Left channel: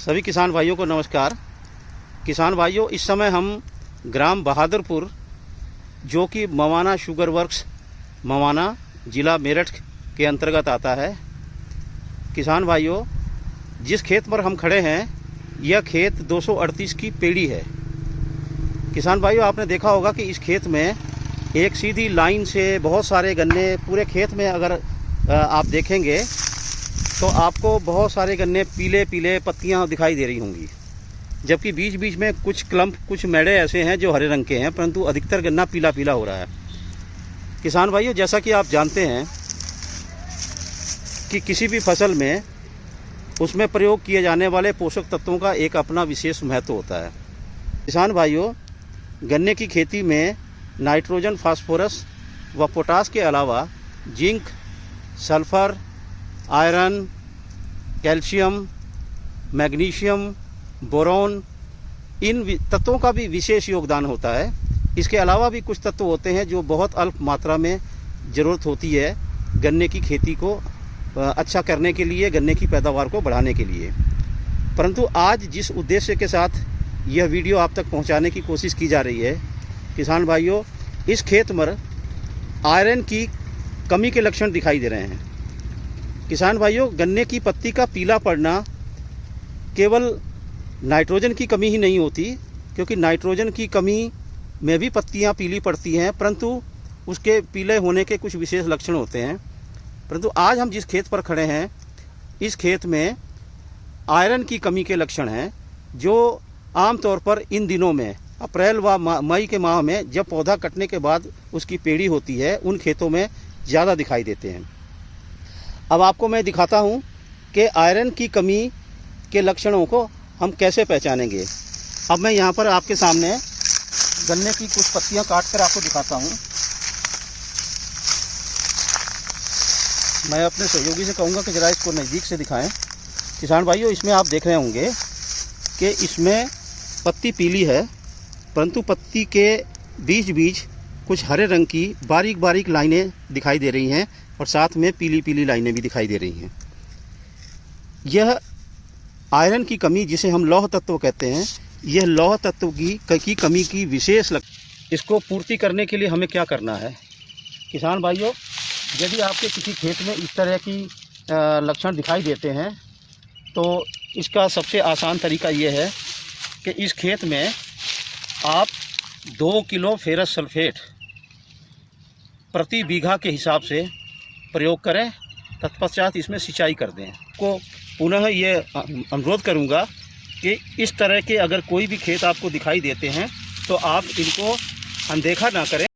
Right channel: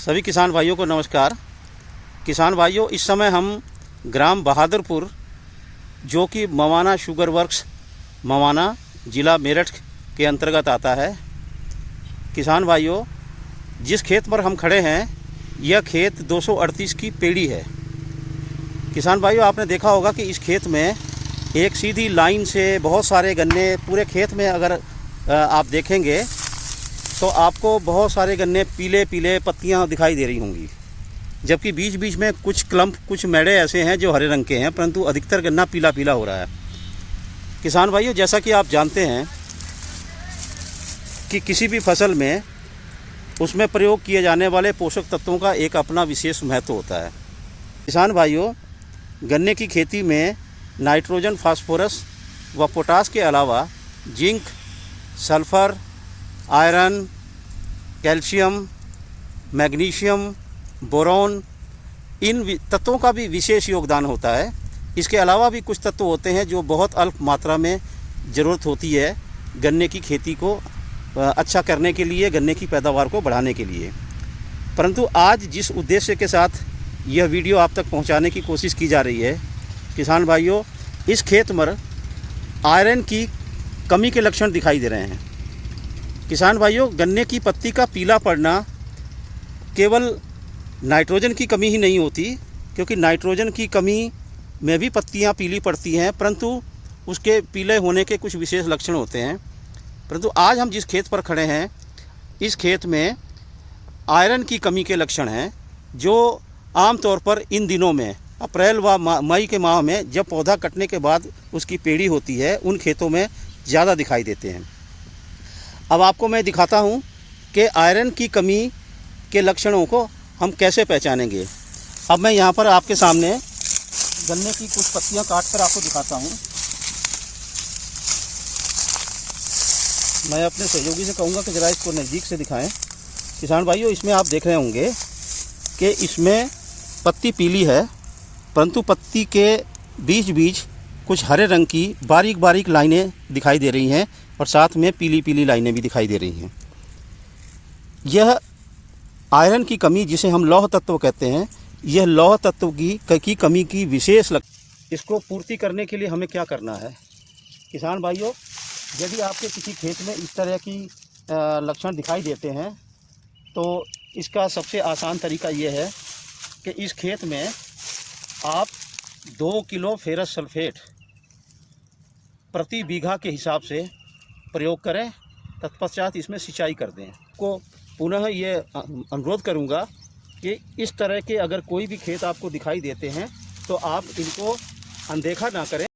सभी किसान भाइयों को नमस्कार। किसान भाइयों, इस समय हम ग्राम बहादुरपुर, जो कि मवाना शुगर वर्क्स मवाना ज़िला मेरठ के अंतर्गत आता है। किसान भाइयों, जिस खेत पर हम खड़े हैं यह खेत 238 की पेड़ी है। किसान भाइयों, आपने देखा होगा कि इस खेत में एक सीधी लाइन से बहुत सारे गन्ने पूरे खेत में अगर आप देखेंगे तो आपको बहुत सारे गन्ने पीले पीले पत्तियां दिखाई दे रही होंगी, जबकि बीच बीच में कुछ क्लम्प, कुछ मेड़े ऐसे हैं जो हरे रंग के हैं, परंतु अधिकतर गन्ना पीला पीला हो रहा है। किसान भाइयों, जैसा कि आप जानते हैं कि किसी भी फसल में उसमें प्रयोग किए जाने वाले पोषक तत्वों का एक अपना विशेष महत्व होता है। किसान भाइयों, गन्ने की खेती में नाइट्रोजन, फास्फोरस व पोटास के अलावा zinc, sulphur, iron, calcium, magnesium, boron, इन तत्वों का भी विशेष योगदान होता है। इसके अलावा भी कुछ तत्व होते हैं जो बहुत अल्प मात्रा में ज़रूरत होती है गन्ने की खेती को अच्छा करने के लिए, गन्ने की पैदावार को बढ़ाने के लिए। परंतु आज जिस उद्देश्य के साथ यह वीडियो आप तक पहुंचाने की कोशिश की जा रही है, किसान भाइयों, इस खेत में आयरन की कमी के लक्षण दिखाई दे रहे हैं। किसान भाइयों, गन्ने की पत्ती का पीला पड़ना केवल नाइट्रोजन की कमी ही नहीं होती, क्योंकि नाइट्रोजन की कमी में भी पत्तियां पीली पड़ती हैं, परंतु उसके पीले होने के कुछ विशेष लक्षण होते हैं। परंतु आज हम जिस खेत पर खड़े हैं, इस खेत में आयरन की कमी के लक्षण हैं, जो आमतौर पर इन दिनों में अप्रैल व मई के माह में जब पौधा कटने के बाद उसकी पेड़ी होती है, उन खेतों में ज़्यादा दिखाई देते हैं। अब आपको मैं दिखाता हूँ कि आयरन की कमी के लक्षणों को हम कैसे पहचानेंगे। अब मैं यहाँ पर आपके सामने गन्ने की कुछ पत्तियाँ काट कर आपको दिखाता हूँ। मैं अपने सहयोगी से कहूँगा कि ज़रा इसको नज़दीक से दिखाएं। किसान भाइयों, इसमें आप देख रहे होंगे कि इसमें पत्ती पीली है, परंतु पत्ती के बीच बीच कुछ हरे रंग की बारीक बारीक लाइनें दिखाई दे रही हैं और साथ में पीली पीली लाइनें भी दिखाई दे रही हैं। यह आयरन की कमी, जिसे हम लौह तत्व कहते हैं, यह लौह तत्व की कमी की विशेष इसको पूर्ति करने के लिए हमें क्या करना है। किसान भाइयों, यदि आपके किसी खेत में इस तरह की लक्षण दिखाई देते हैं तो इसका सबसे आसान तरीका ये है कि इस खेत में आप 2 किलो फेरस सल्फेट प्रति बीघा के हिसाब से प्रयोग करें, तत्पश्चात इसमें सिंचाई कर दें। को पुनः ये अनुरोध करूंगा कि इस तरह के अगर कोई भी खेत आपको दिखाई देते हैं तो आप इनको अनदेखा ना करें।